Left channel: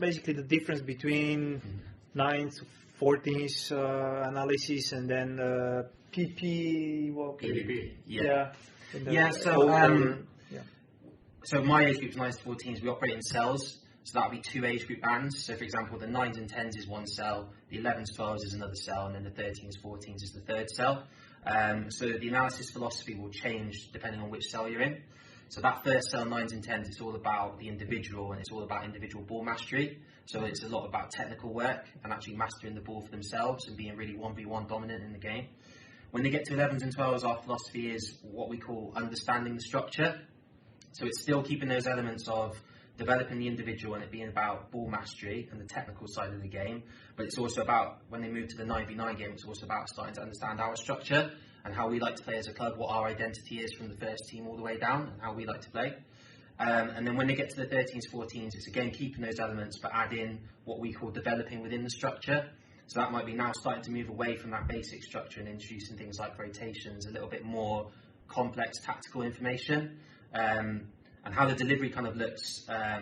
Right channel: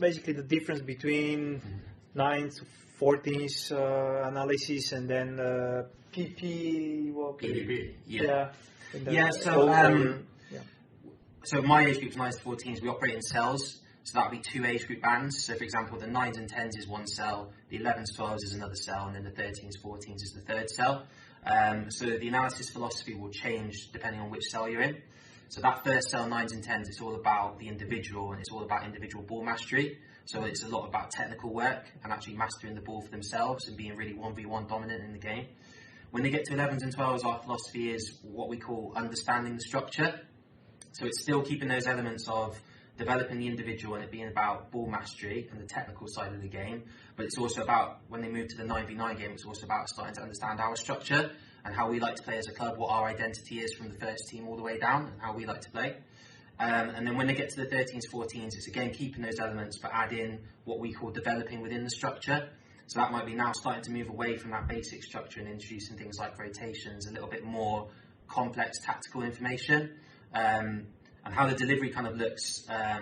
basically the difference between 9 to 14 analysis and then PP. Well, PDB. So my age group is 9 to 14s. We operate in cells. So that would be 2 age group bands. So for example, the 9s and 10s is one cell, the 11s, 12s is another cell, and then the 13s, 14s is the third cell. So the analysis philosophy will change depending on which cell you're in. So that first cell, 9s and 10s, it's all about the individual, and it's all about individual ball mastery. So it's a lot about technical work and actually mastering the ball for themselves and being really 1v1 dominant in the game. When they get to 11s and 12s, our philosophy is what we call understanding the structure. So it's still keeping those elements of developing the individual and it being about ball mastery and the technical side of the game, but it's also about, when they move to the 9v9 game, it's also about starting to understand our structure and how we like to play as a club, what our identity is from the first team all the way down and how we like to play. And then when they get to the 13s, 14s, it's again keeping those elements but adding what we call developing within the structure. So that might be now starting to move away from that basic structure and introducing things like rotations, a little bit more complex tactical information. And how the delivery kind of looks, I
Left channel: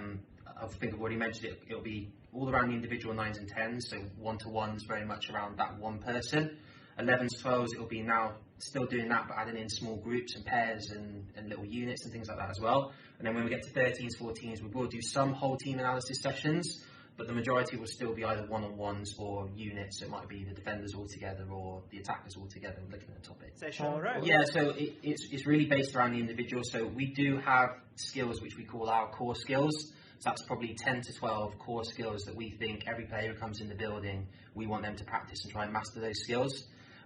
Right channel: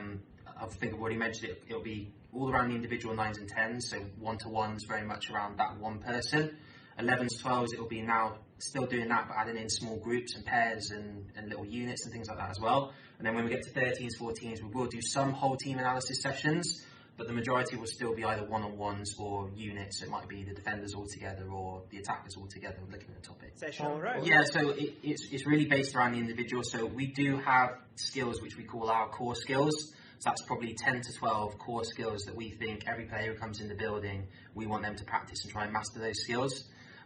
think I've already mentioned it, it'll be all around the individual 9s and 10s, so one-to-ones very much around that one person. 11s, 12s, it'll be now still doing that, but adding in small groups and pairs and little units and things like that as well. And then when we get to 13s, 14s, we will do some whole team analysis sessions, but the majority will still be either one-on-ones or units. It might be the defenders all together or the attackers all together looking at the topic. All right. Yeah, so it's really based around the individual. So we do have skills which we call our core skills. So that's probably 10 to 12 core skills that we think every player who comes in the building, we want them to practice and try and master those skills.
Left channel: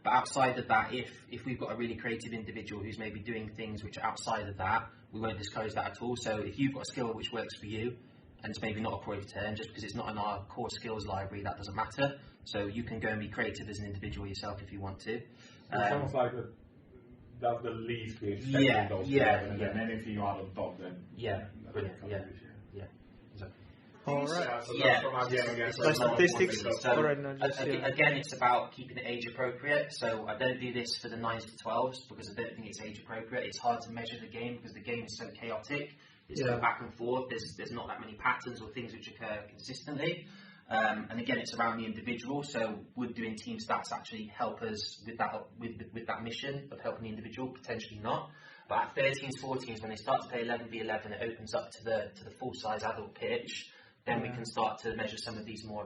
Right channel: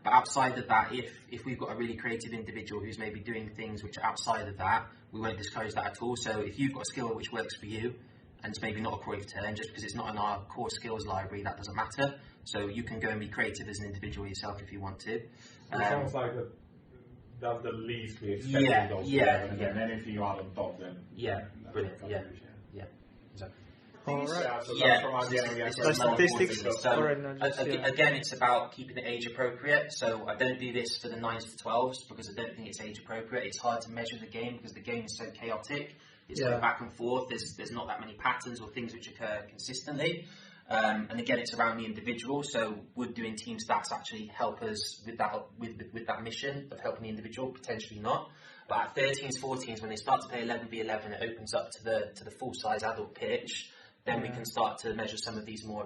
But outside of that, if we've got a really creative individual who's maybe doing things which are outside of that, we won't discourage that at all. So if you've got a skill which works for you, and it's maybe not a core turn, just because it's not in our core skills library, that doesn't matter. So you can go and be creative as an individual yourself if you want to. It's almost like the least we expect and then anything you add on top, then brilliant. Exactly. All right. So statistics. So, All right, no, just, again, it's about keeping it age appropriate. So I don't do this for the 9s to 12s because I don't think it's age appropriate. It's hard to measure the game because the game is so chaotic. It's going back and forth. There's not that many patterns or things which occur consistently. And again, it's around the individual. So would doing team stats actually help us with that mission of helping the individual? Potentially not. But at 13s, 14s, when they start to play 11v11, it opens up to the full size adult pitch. Then we can start to measure some of these more